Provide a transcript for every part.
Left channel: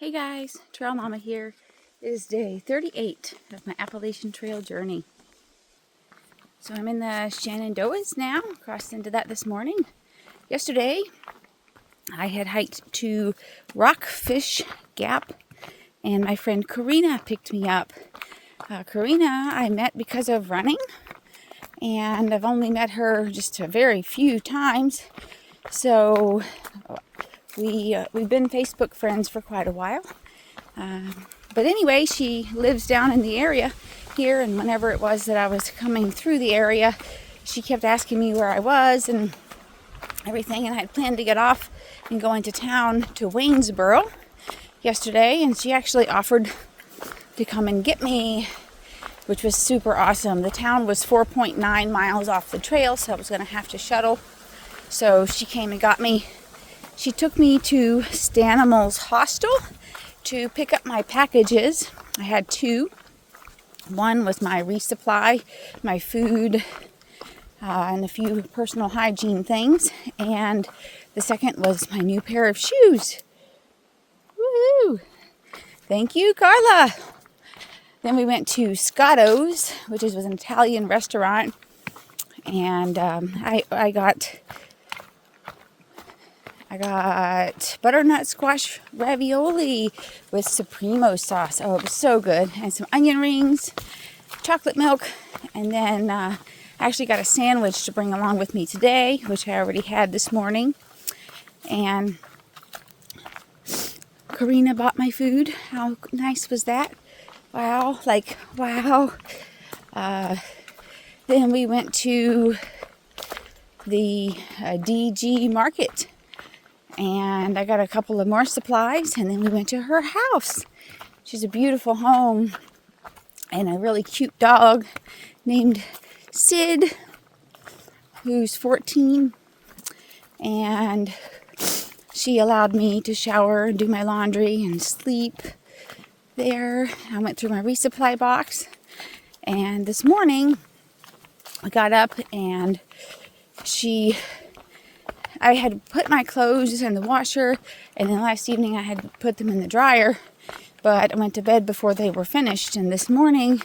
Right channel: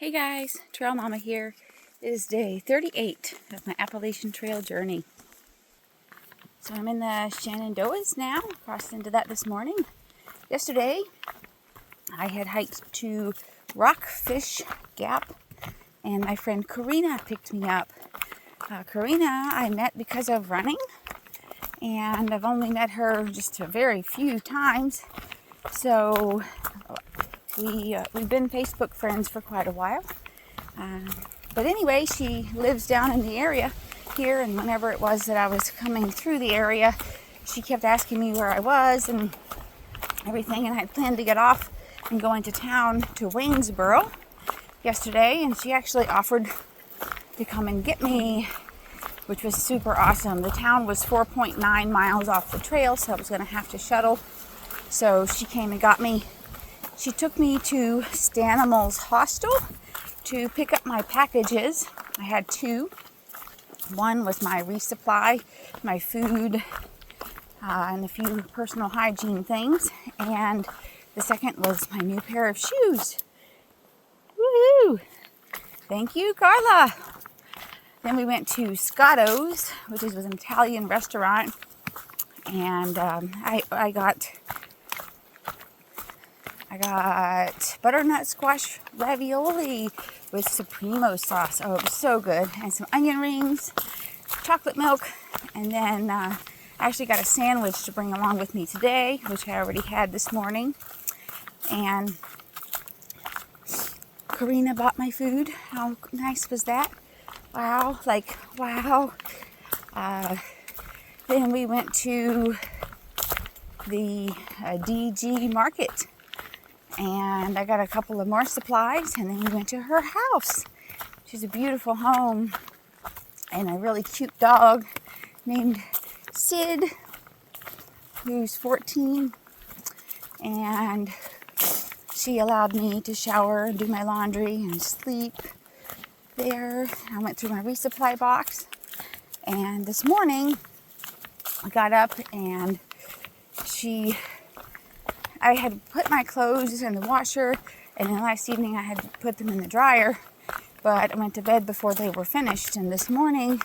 Hey guys, Trail Mama here. It is day 38 of my Appalachian Trail journey. So I'm in the Shenandoahs now, crossed into that this morning. Yesterday, I had hiked to Rockfish Gap, and my friend Karina picked me up. Karina I met because of running, and I've only met her just a very few times. So we've been Facebook friends for quite a while. But anyway, she lives down in the area here, and whenever it was that I was coming through the area, she kept asking me where I was and everything, and I had planned to get off and go into town to Waynesboro yesterday, and she actually offered to come and get me, which was super awesome. The town was 4.9 miles off the trail, so I was going to have to shuttle. So she came and got me. She took me to Stanimal's Hostel to pick up my packages. I had two. One was my resupply, my food, and a few personal hygiene things. And the second was my new pair of shoes. Woohoo! Thank you, Carla. Then we went to Scotto's, which was an Italian restaurant. And I got butternut squash ravioli with Supremo sauce. Oh, it was so good. And some onion rings, chocolate milk, and then I actually got a sandwich to bring along with me today, which I already had this morning. And Karina bought my food. How nice was that? Wow, wow. Then we went to the DG market, and I got a couple of more supplies, and then we went to her house. She's a beautiful home and a really cute dog named Sid, who's 14, and she allowed me to shower and do my laundry and sleep there. I went through my resupply box, and this morning I got up and I had put my clothes in the washer, and then last evening I had put them in the dryer, but I went to bed before they were finished. And this morning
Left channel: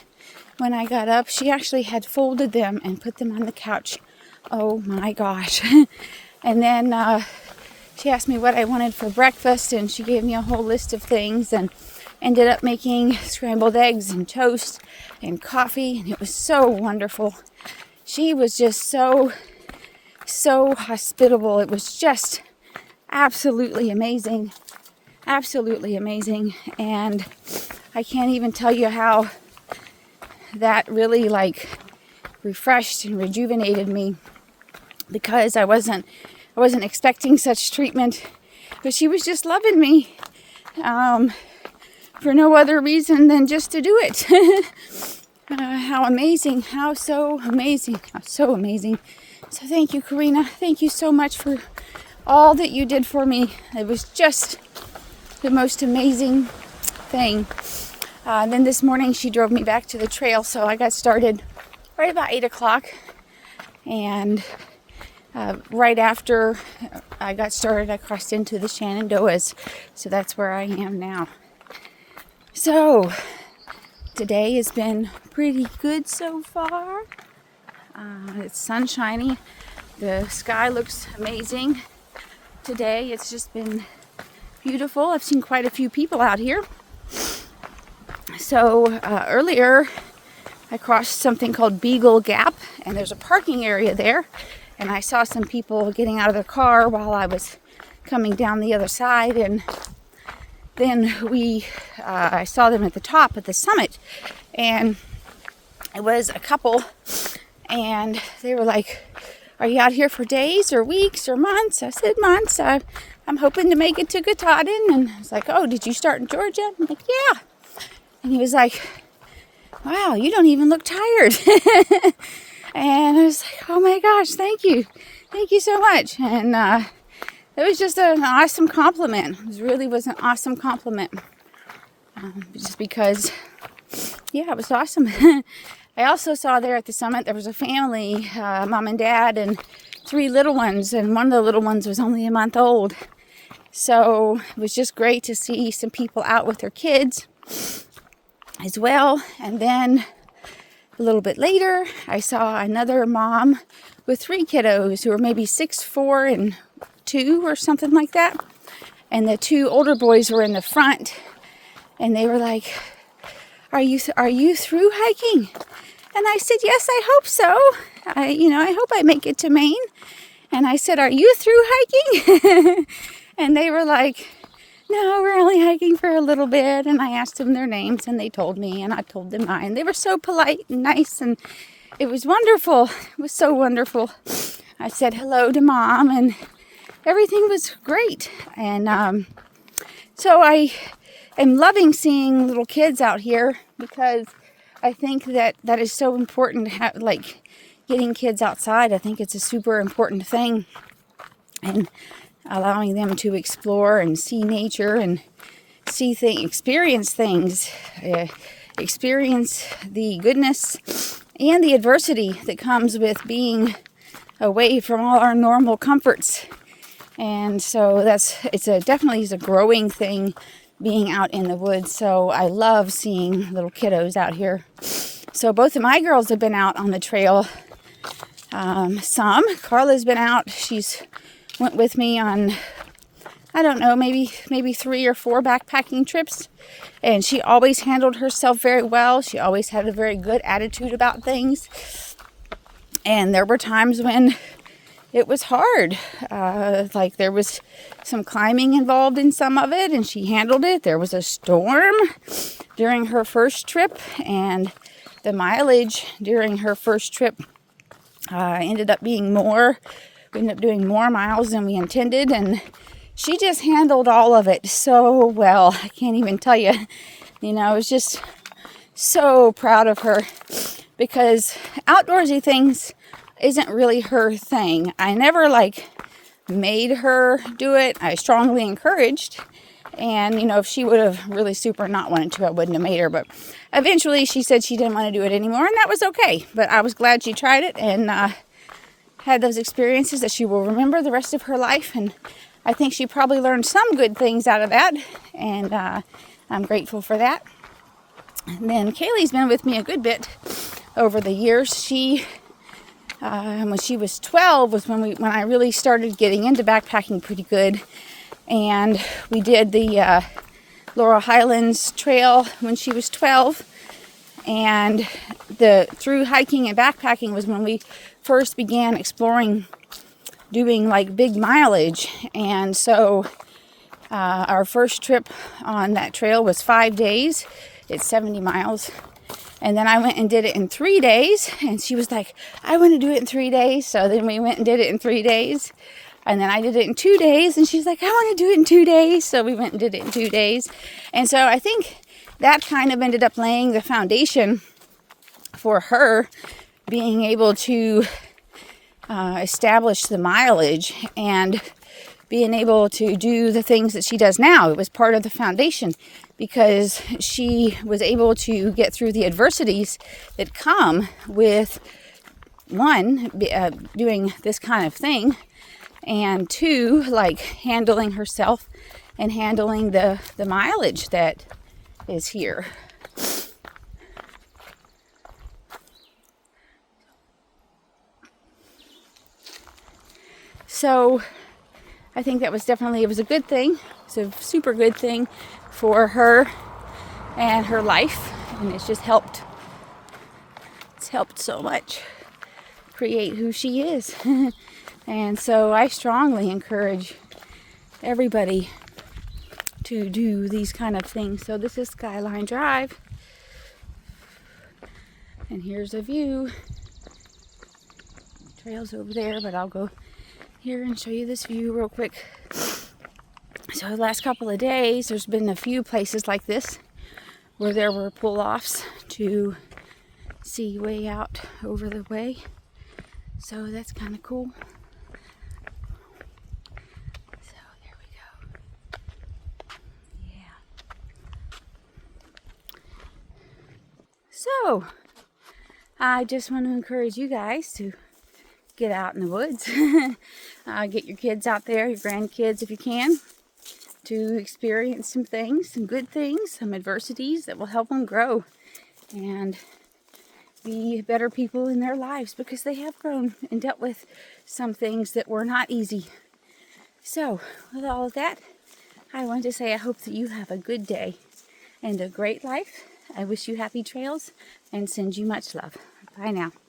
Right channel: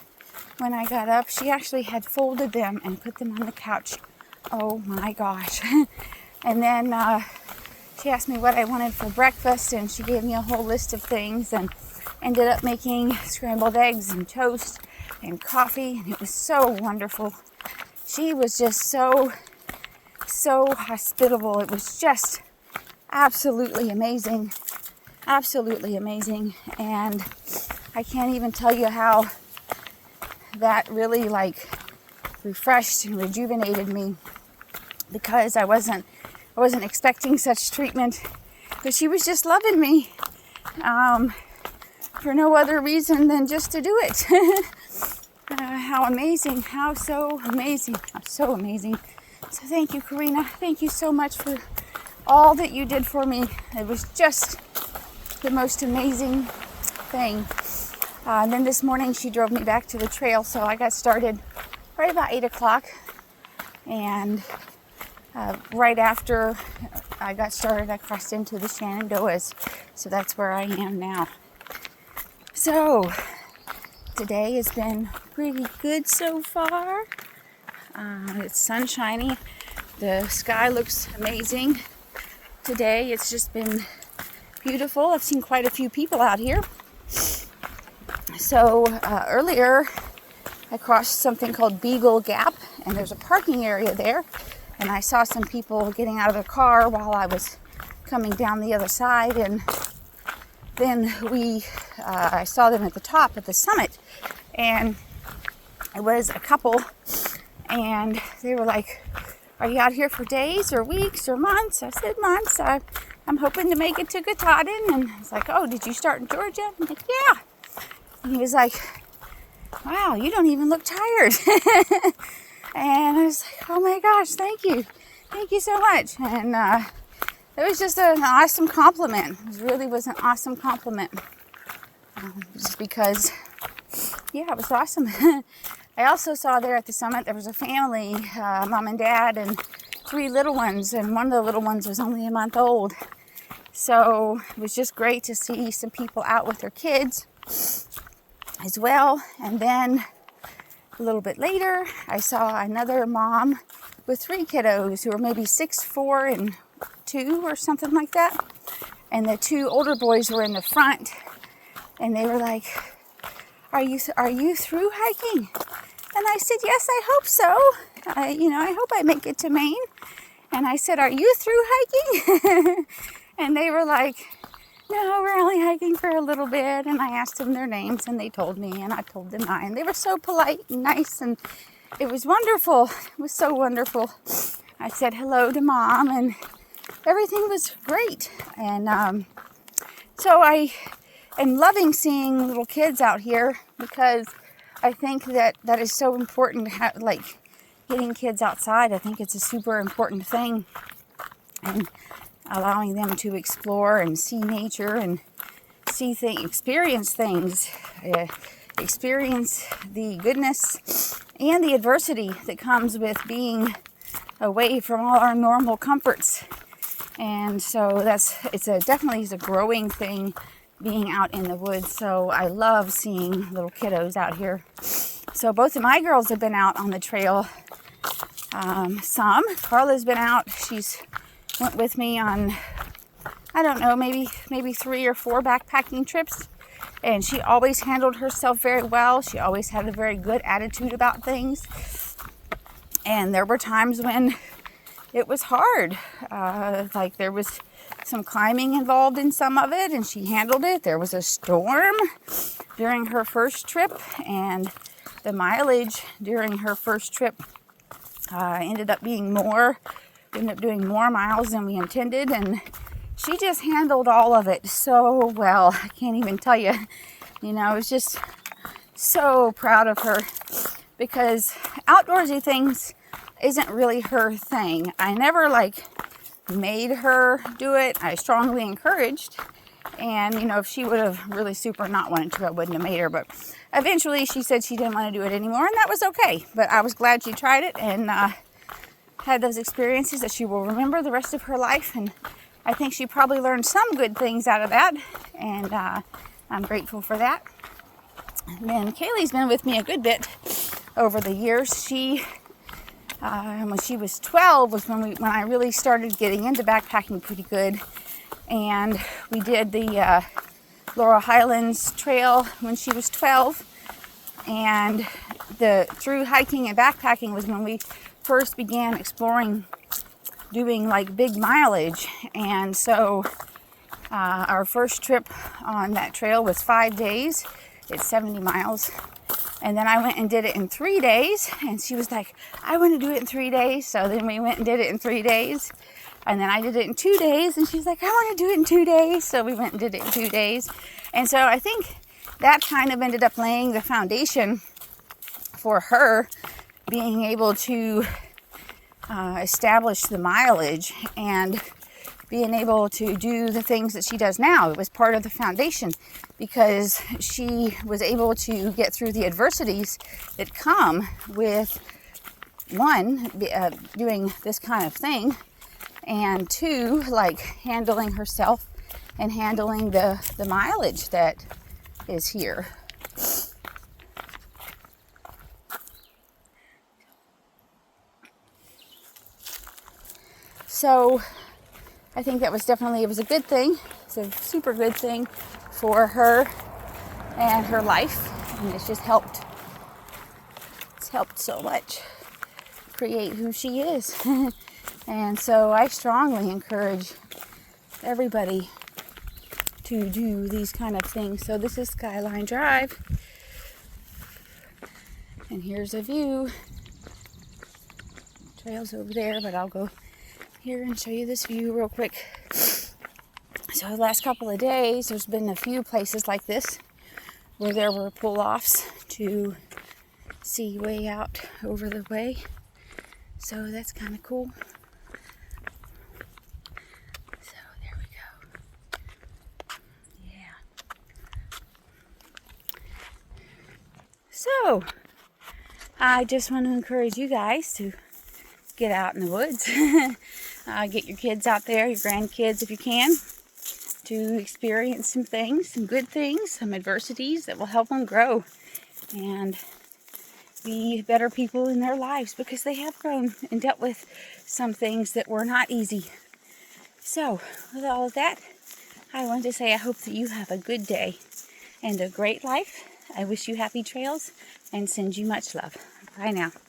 when I got up, she actually had folded them and put them on the couch. Oh my gosh. And then she asked me what I wanted for breakfast, and she gave me a whole list of things, and ended up making scrambled eggs and toast and coffee, and it was so wonderful. She was just so hospitable. It was just absolutely amazing. Absolutely amazing. And I can't even tell you how that really refreshed and rejuvenated me, because I wasn't expecting such treatment, but she was just loving me for no other reason than just to do it. How amazing, how so amazing, how so amazing. So thank you, Karina. Thank you so much for all that you did for me. It was just the most amazing thing. Then this morning she drove me back to the trail, so I got started right about 8 o'clock. And right after I got started, I crossed into the Shenandoahs. So that's where I am now. So today has been pretty good so far. It's sunshiny. The sky looks amazing today. It's just been beautiful. I've seen quite a few people out here. So earlier I crossed something called Beagle Gap, and there's a parking area there, and I saw some people getting out of their car while I was coming down the other side, and then I saw them at the top, at the summit, and it was a couple, and they were like, "Are you out here for days or weeks or months?" I said, "Months. I'm hoping to make it to Katahdin." And I was like, "Oh, did you start in Georgia?" I'm like, "Yeah." And he was like, "Wow, you don't even look tired." And I was like, "Oh my gosh, thank you so much." And it was just an awesome compliment. It really was an awesome compliment, just because, yeah, it was awesome. I also saw there at the summit there was a family, mom and dad and 3 little ones, and one of the little ones was only a month old. So it was just great to see some people out with their kids as well. And then a little bit later, I saw another mom with 3 kiddos who were maybe 6, 4, and 2 or something like that. And the 2 older boys were in the front, and they were like, are you through hiking? And I said, yes, I hope so. I hope I make it to Maine. And I said, are you through hiking? And they were like, no, we're only hiking for a little bit. And I asked them their names, and they told me, and I told them mine. They were so polite and nice, and it was wonderful. It was so wonderful. I said hello to Mom, and everything was great. And so I am loving seeing little kids out here, because I think that is so important to have, like, getting kids outside. I think it's a super important thing, and allowing them to explore and see nature and experience things, experience the goodness and the adversity that comes with being away from all our normal comforts. And so it's definitely a growing thing, being out in the woods. So I love seeing little kiddos out here. So both of my girls have been out on the trail. Carla's been out. She's went with me on, I don't know, maybe 3 or 4 backpacking trips. And she always handled herself very well. She always had a very good attitude about things. And there were times when it was hard. Like there was some climbing involved in some of it, and she handled it. There was a storm during her first trip, and the mileage during her first trip ended up being more. We ended up doing more miles than we intended, and she just handled all of it so well. I can't even tell you. I was just so proud of her, because outdoorsy things isn't really her thing. I never made her do it. I strongly encouraged, and if she would have really super not wanted to, I wouldn't have made her. But eventually she said she didn't want to do it anymore, and that was okay. But I was glad she tried it and had those experiences that she will remember the rest of her life. And I think she probably learned some good things out of that, and I'm grateful for that. And then Kaylee's been with me a good bit over the years. She when she was 12 was when I really started getting into backpacking pretty good, and we did the Laurel Highlands Trail when she was 12, and through hiking and backpacking was when we first began exploring, doing big mileage. And so our first trip on that trail was 5 days. It's 70 miles. And then I went and did it in 3 days. And she was like, I want to do it in 3 days. So then we went and did it in 3 days. And then I did it in 2 days. And she's like, I want to do it in 2 days. So we went and did it in 2 days. And so I think that kind of ended up laying the foundation for her being able to establish the mileage and being able to do the things that she does now. It was part of the foundation, because she was able to get through the adversities that come with, one, doing this kind of thing, and 2, handling herself and handling the mileage that is here. So I think that was it was a good thing. It's a super good thing for her and her life. And it's just helped so much create who she is. And so I strongly encourage everybody to do these kind of things. So this is Skyline Drive. And here's a view. The trail's over there, but I'll go here and show you this view real quick. So the last couple of days, there's been a few places like this where there were pull-offs to see way out over the way. So that's kind of cool. So there we go. Yeah. So I just want to encourage you guys to get out in the woods. Get your kids out there, your grandkids if you can. to experience some things, some good things, some adversities that will help them grow and be better people in their lives, because they have grown and dealt with some things that were not easy. So, with all of that, I wanted to say I hope that you have a good day and a great life. I wish you happy trails and send you much love. Bye now.